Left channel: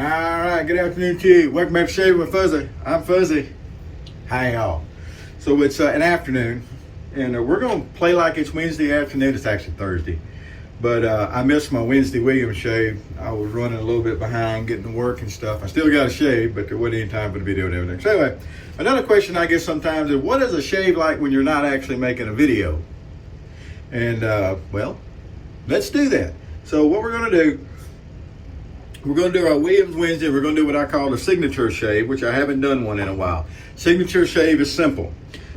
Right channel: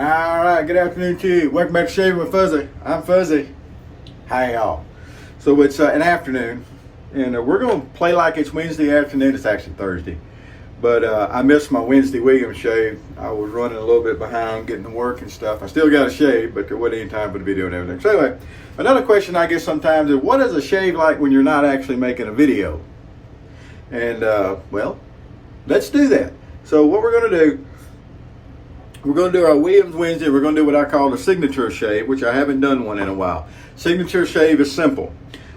All right, good afternoon to you. Welcome back to Shaving with Fuzzy. I'm Fuzzy. Hi, y'all. So it's an afternoon, and we're going to play like it's Wednesday afternoon. It's actually Thursday. But I missed my Wednesday Williams shave. I was running a little bit behind getting to work and stuff. I still got a shave, but there wasn't any time for the video and everything. So anyway, another question I get sometimes is, what is a shave like when you're not actually making a video? And, well, let's do that. So what we're going to do, we're going to do our Williams Wednesday. We're going to do what I call the signature shave, which I haven't done one in a while. Signature shave is simple.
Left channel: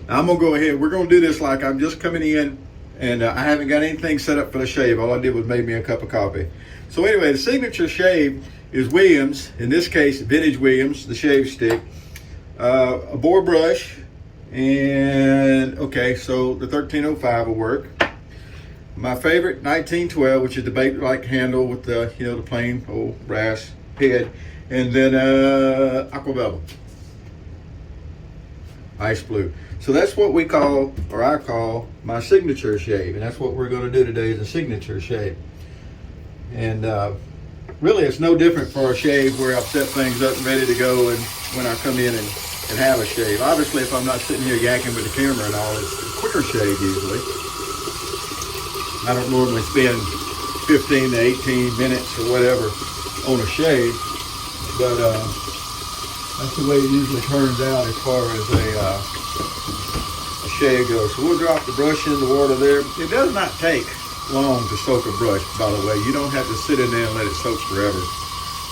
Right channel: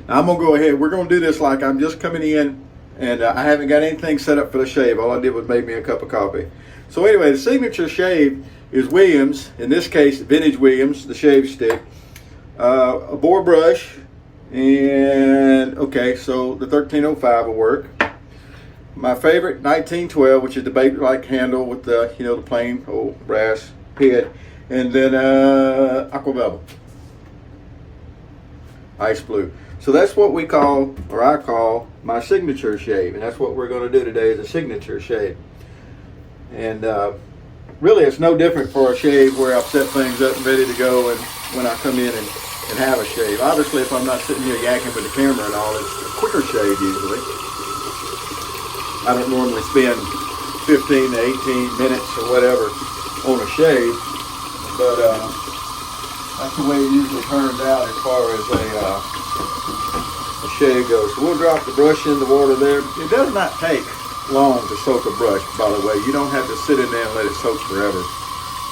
Now I'm going to go ahead. We're going to do this like I'm just coming in, and I haven't got anything set up for the shave. All I did was made me a cup of coffee. So anyway, the signature shave is Williams, in this case, vintage Williams, the shave stick, a boar brush, and okay, so the 1305 will work. My favorite 1912, which is the baby-like handle with the, the plain old brass head, and then Aqua Velva Ice Blue. So that's what we call, or I call, my signature shave, and that's what we're going to do today, is a signature shave. And really, it's no different for a shave where I've set things up and ready to go, and when I come in and have a shave. Obviously, if I'm not sitting here yakking with the camera and all, it's a quicker shave usually. I don't normally spend 15 to 18 minutes or whatever on a shave, but that's the way it usually turns out as far as a shave goes. So we'll drop the brush in the water there. It does not take long to soak a brush, by the way. You don't have to sit in there and let it soak forever.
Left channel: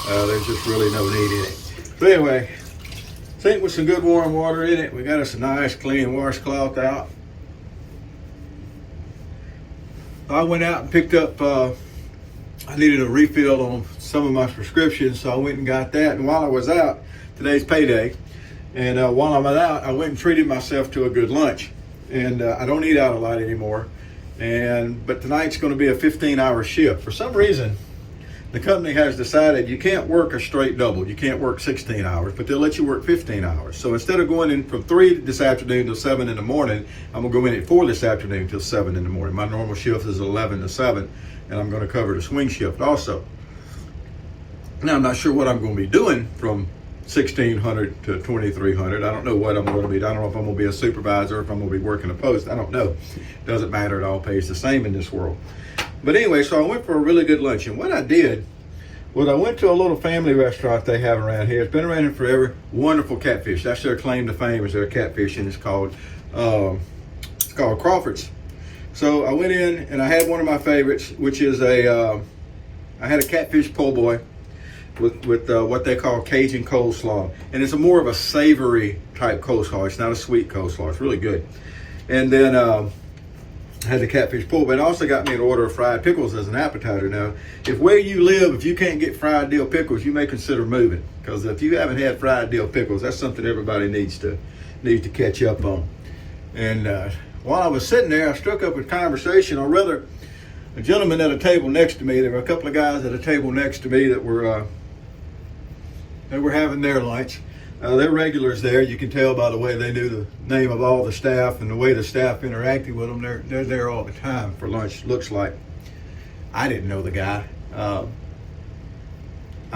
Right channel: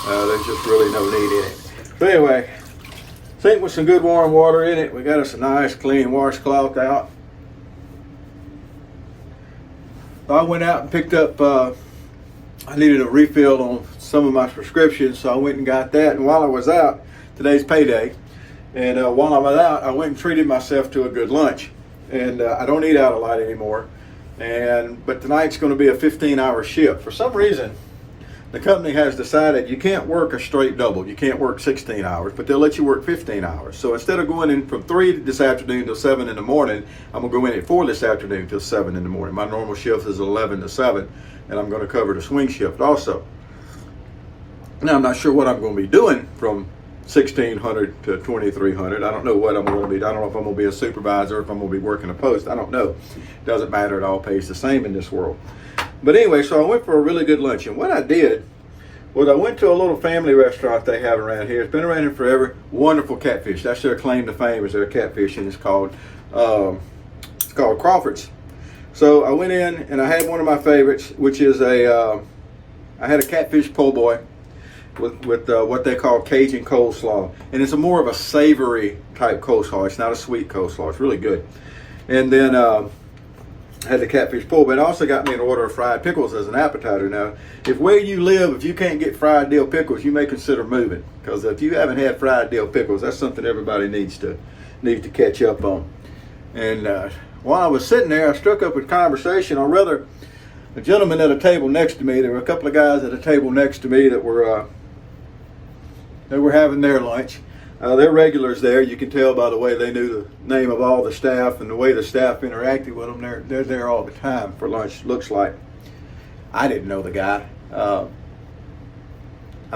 There's just really no need in it. But anyway, sink with some good warm water in it. We got us a nice clean washcloth out. I went out and picked up, I needed a refill on some of my prescriptions, so I went and got that. And while I was out, today's payday, and while I was out, I went and treated myself to a good lunch. And I don't eat out a lot anymore. But tonight's going to be a 15-hour shift. For some reason, the company has decided you can't work a straight double. You can't work 16 hours, but they'll let you work 15 hours. So instead of going in from 3 this afternoon till 7 in the morning, I'm going to go in at 4 this afternoon till 7 in the morning. My normal shift is 11 to 7, and I'm going to cover the swing shift also. Now, I'm not sure what I'm going to be doing from 1600 to 2300. I don't know what I'm going to be. I don't know if I'm going to be a supervisor, or if I'm going to be working a post. I don't know. Doesn't matter. It all pays the same in this world. But anyway, so I went for a really good lunch. And what I did was I went to a little family restaurant they have around here. It's been around here forever. Wonderful catfish. That's their claim to fame, is their catfish, and it's called Crawford's. So I went in and I had one of my favorites, which is I had a catfish po' boy with what they call Cajun coleslaw. And it's more of a savory type coleslaw. It's not a sweet coleslaw. It's really good. And then I had the catfish po', but it also got me an order of fried pickles as an appetizer. Now, if where you live, if you can't get fried dill pickles, you may consider moving, because if you haven't had fried dill pickles, that's something everybody needs to catch up on. And while I was sitting there, I struck up a conversation, or rather, a gentleman at a table next to me. There were a couple of guys at a table next to me that were having their lunch. They're regulars there. You can tell by the way they knew the name of all the staff and the way the staff interacted with them. They're there all the time for lunch, looks like. I didn't know the guy. I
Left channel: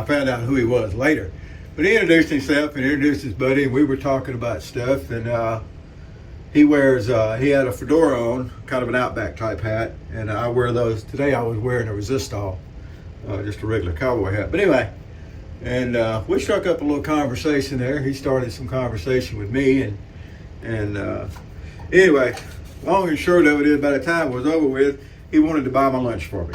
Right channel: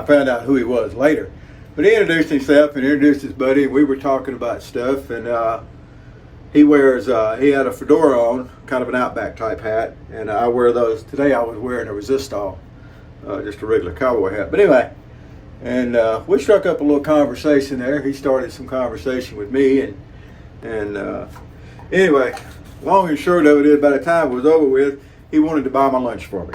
found out who he was later. But he introduced himself and introduced his buddy, and we were talking about stuff. And he had a fedora on, kind of an Outback type hat. And I wear those. Today I was wearing a Resistol, just a regular cowboy hat. But anyway, and we struck up a little conversation there. He started some conversation with me, and anyway, long and short of it is, by the time it was over with, he wanted to buy my lunch for me.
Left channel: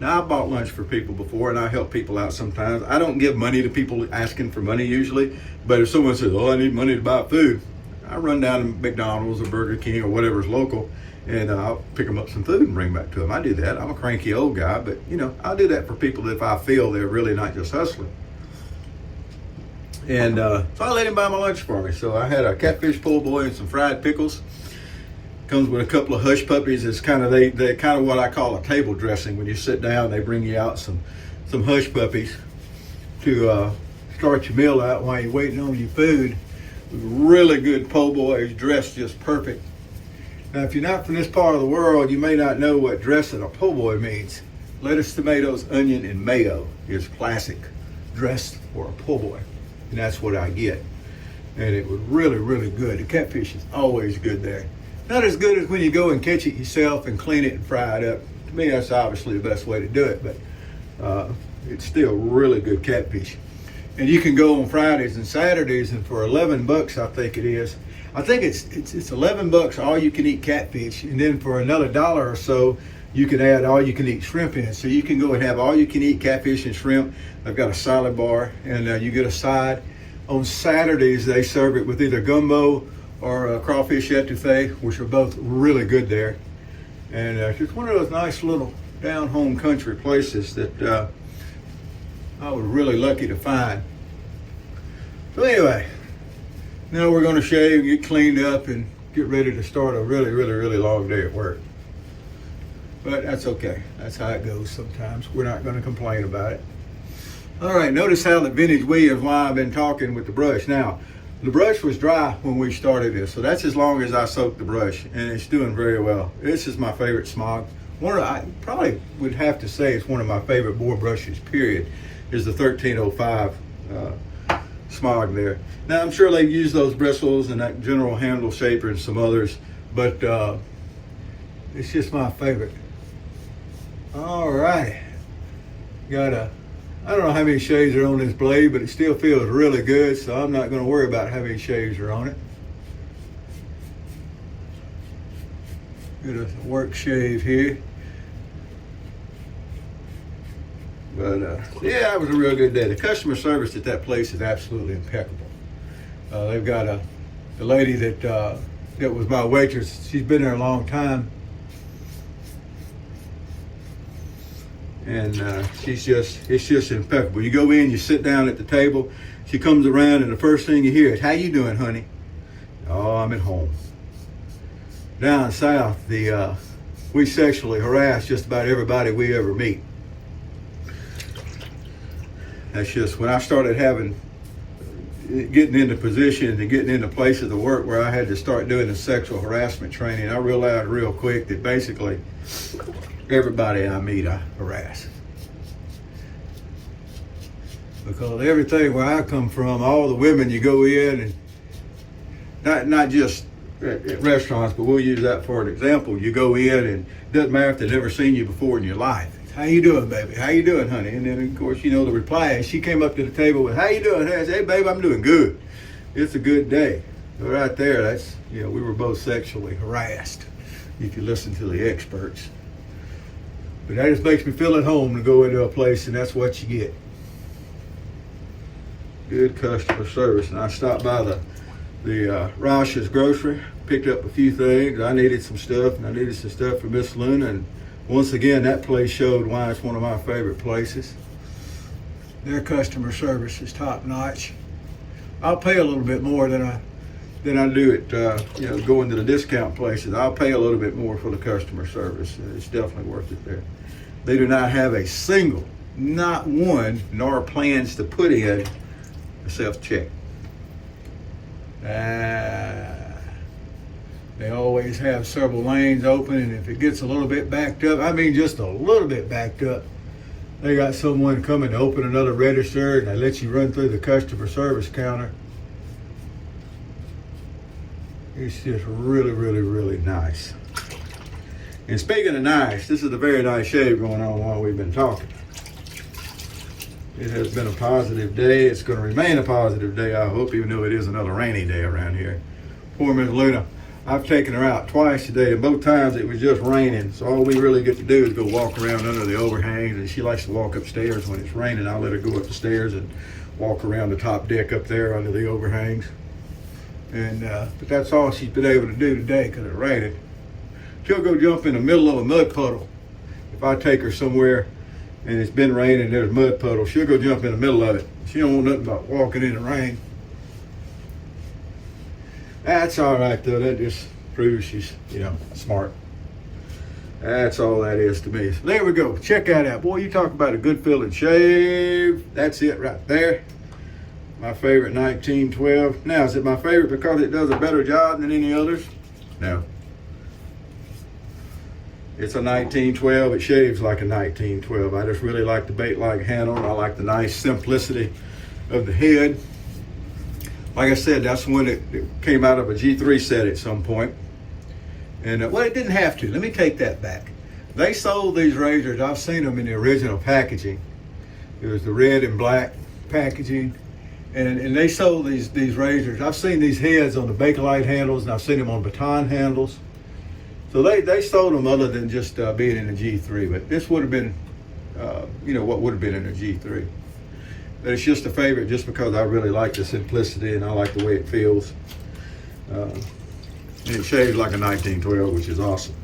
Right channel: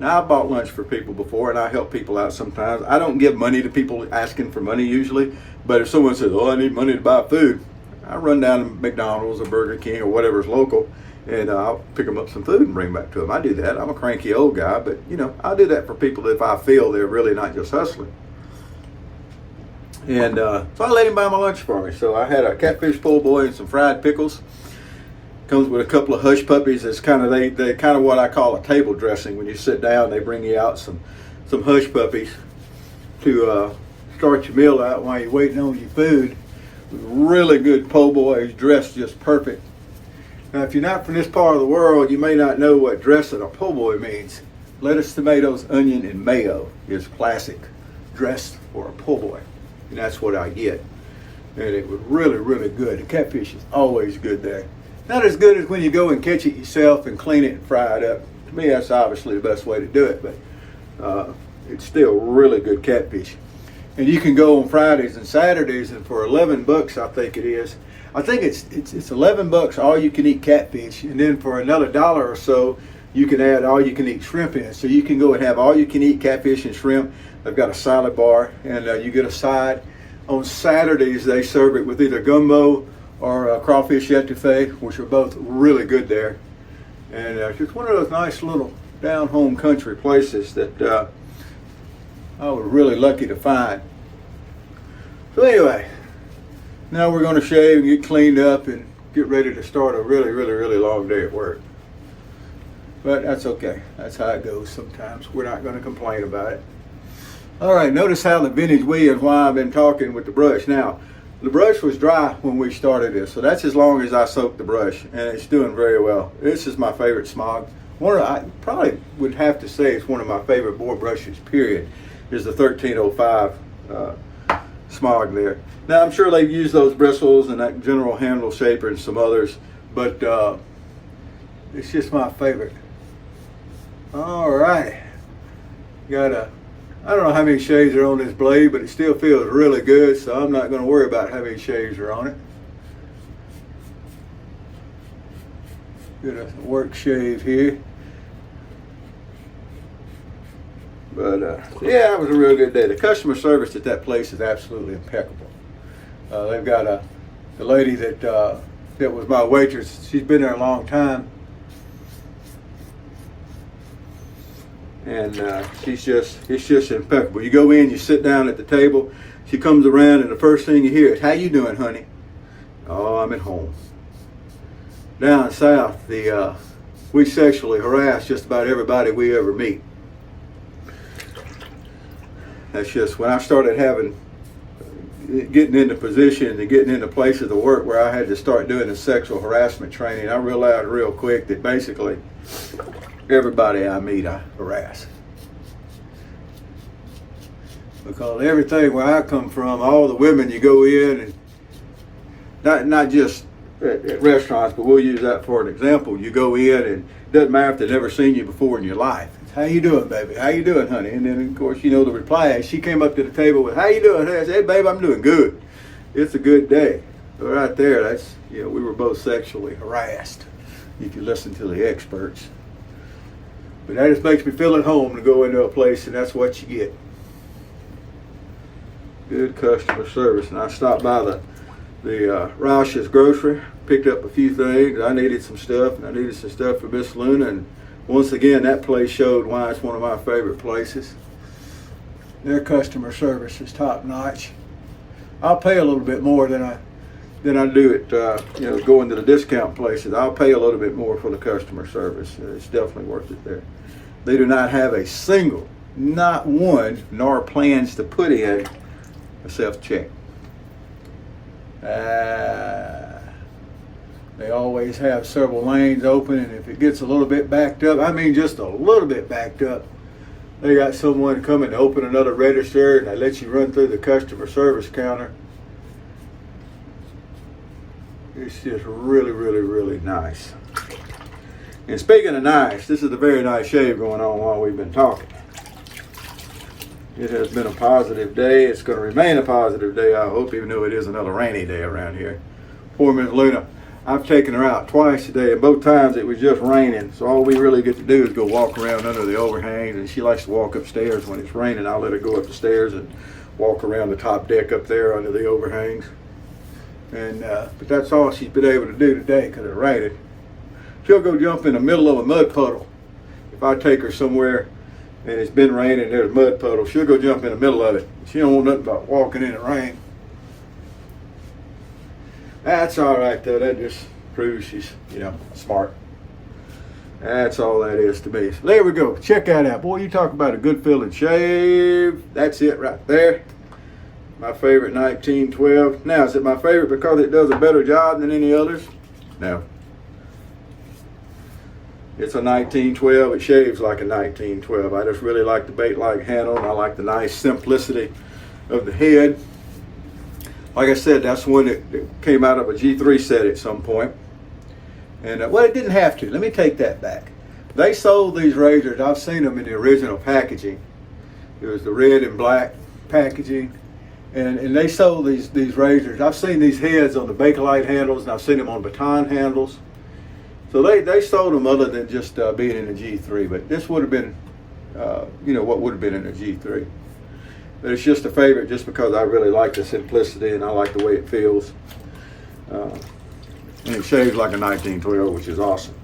Now, I bought lunch for people before, and I help people out sometimes. I don't give money to people asking for money usually, but if someone says, "Oh, I need money to buy food," I run down to McDonald's or Burger King or whatever's local, and I'll pick them up some food and bring back to them. I do that. I'm a cranky old guy, but I'll do that for people if I feel they're really not just hustling. And so I let him buy my lunch for me. So I had a catfish po' boy and some fried pickles. Comes with a couple of hush puppies. It's kind of they kind of what I call a table dressing. When you sit down, they bring you out some hush puppies to start your meal out while you're waiting on your food. Really good po' boys, dressed just perfect. Now, if you're not from this part of the world, you may not know what dressing a po' boy means. Lettuce, tomatoes, onion, and mayo is classic dressed for a po' boy. And that's what I get. And it was really, really good. The catfish is always good there. Not as good as when you go and catch it yourself and clean it and fry it up. To me, that's obviously the best way to do it, but it's still really good catfish. And you can go on Fridays and Saturdays, and for $11, I think it is. I think it's $11 all you can eat catfish, and then for another $1 or so, you can add all you can eat shrimp in it. So you can go and have all you can eat catfish and shrimp. They've got a salad bar, and you get a side. On Saturdays, they serve it with either gumbo or crawfish etouffee, which are both really good there. And just one of those nice little down home country places that I was really lucky to find. So anyway, now we're going to shave and get cleaned up and get ready to start a really, really, really long day at work. But that's okay. That's how it goes sometimes. We're not going to complain about it. All right, notice how the vintage weave is why I've been talking with the brush. Now, the brush was dry when we started this, so that's as long as I soaked the brush, and it's doing very well. This is my favorite smog. I probably would have to say it's one of my favorite boar brushes, period, is the 1305 smog there. Now, I'm sure they've used those bristles and that general handle shaper and some others, but it's just my favorite. All righty. I don't know how many shades are on this blade, but it still feels really good, so I'm not going to worry about how many shades are on it. Get a work shave here. But yeah, it was a real good day. The customer service at that place is absolutely impeccable. They've got the lady that was my waitress. She's been there a long time. And it's just impeccable. You go in, you sit down at the table, she comes around, and the first thing you hear is, "How you doing, honey?" "Oh, I'm at home." Down south, we sexually harass just about everybody we ever meet. That's just when I started getting into positions and getting into places of work where I had to start doing the sexual harassment training, I realized real quick that basically everybody I meet, I harass. Because everything where I come from, all the women you go in, and not just at restaurants, but we'll use that for an example. You go in, and it doesn't matter if they've never seen you before in your life. It's, "How you doing, baby? How you doing, honey?" And then, of course, the reply is, she came up to the table with, "How you doing?" I said, "Hey, babe, I'm doing good. It's a good day." So right there, that's, we were both sexually harassed, if you listen to the experts. But that just makes me feel at home to go into a place, and that's what you get. Good customer service. And I stopped by the Roush's grocery, picked up a few things. I needed some stuff, and I needed some stuff for Miss Luna. And once again, that place showed why it's one of my favorite places. Their customer service is top notch. I'll pay a little bit more than I do at going to the discount places. I'll pay a little bit more for the customer service. It's definitely worth it there. They do not have a single, not one, nor plans to put in a self-check. They always have several lanes open, and if it gets a little bit backed up, I mean just a little bit backed up, they got someone coming to open another register, and they let you run through the customer service counter. It's just really, really, really nice. And speaking of nice, this is a very nice shave going on while we've been talking. It has been a positive day. It's going to remain a positive day, I hope, even though it is another rainy day around here. Poor Miss Luna, I've taken her out twice today, and both times it was just raining. So all we really get to do is go walk around under the overhangs, and she likes to walk upstairs when it's raining. I'll let her go up the stairs and walk around the top deck up there under the overhangs. And but that's all she's been able to do today because it rained. She'll go jump in the middle of a mud puddle. If I take her somewhere and it's been raining and there's a mud puddle, she'll go jump in the middle of it. She don't want nothing about walking in the rain. That's all right though. That just proves she's, smart. That's all that is to me. So there we go. Check that out. Boy, you talk about a good feeling shave. That's it right there. My favorite 1912. Now, is it my favorite because it does a better job than any others? No. It's a 1912. It shaves like a 1912. I just really like the bait-like handle, and I like the nice simplicity of the head. Like I said, that's one that came out of a G3 set at some point. And well, it didn't have to. Let me take that back. They sold these razors. I've seen them in the original packaging. It was the red and black packaging. And they sold these razors. I've seen these heads on the Bakelite handles, and I've seen them on baton handles. So they sold them other than just being in a G3. But this would have been, what would have been in a G3. But it's just a favorite just because I really like the simplicity and I like the way it feels. And it shaves like a 1912, which is awesome.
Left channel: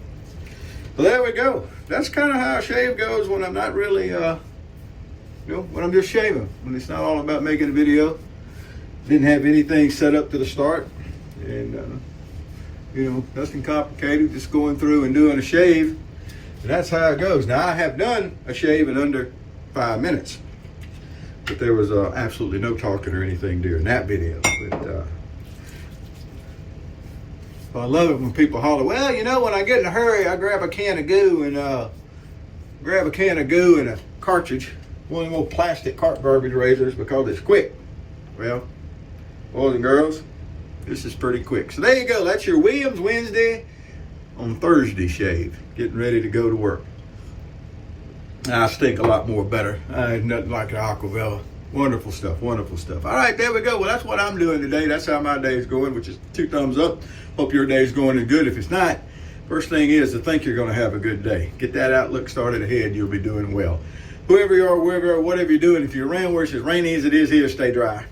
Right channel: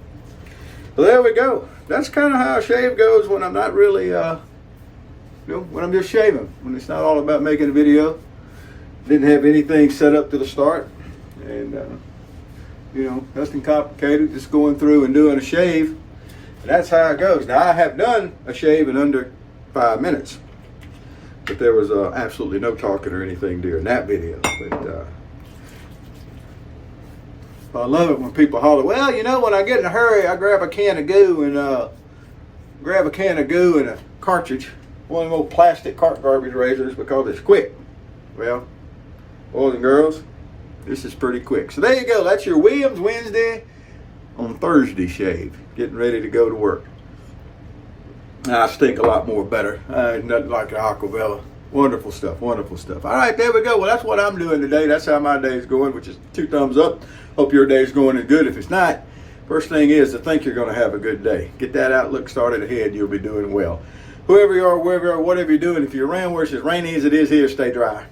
So there we go. That's kind of how a shave goes when I'm not really, when I'm just shaving. When it's not all about making a video. Didn't have anything set up to the start. And, nothing complicated. Just going through and doing a shave. And that's how it goes. Now, I have done a shave in under 5 minutes. But there was absolutely no talking or anything during that video. But I love it when people holler, well, when I get in a hurry, I grab a can of goo and a cartridge, one of those old plastic cart garbage razors because it's quick. Well, boys and girls, this is pretty quick. So there you go. That's your Williams Wednesday on Thursday shave. Getting ready to go to work. I stink a lot more better. Nothing like the Aqua Velva. Wonderful stuff, wonderful stuff. All right, there we go. Well, that's what I'm doing today. That's how my day is going, which is 2 thumbs up. Hope your day is going in good. If it's not, first thing is to think you're going to have a good day. Get that outlook started ahead. You'll be doing well. Whoever you are, wherever you are, whatever you're doing, if you're around where it's as rainy as it is here, stay dry.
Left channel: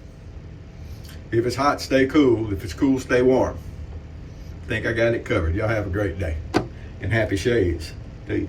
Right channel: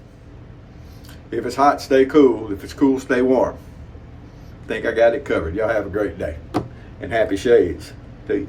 If it's hot, stay cool. If it's cool, stay warm. I think I got it covered. Y'all have a great day. And happy shades to you.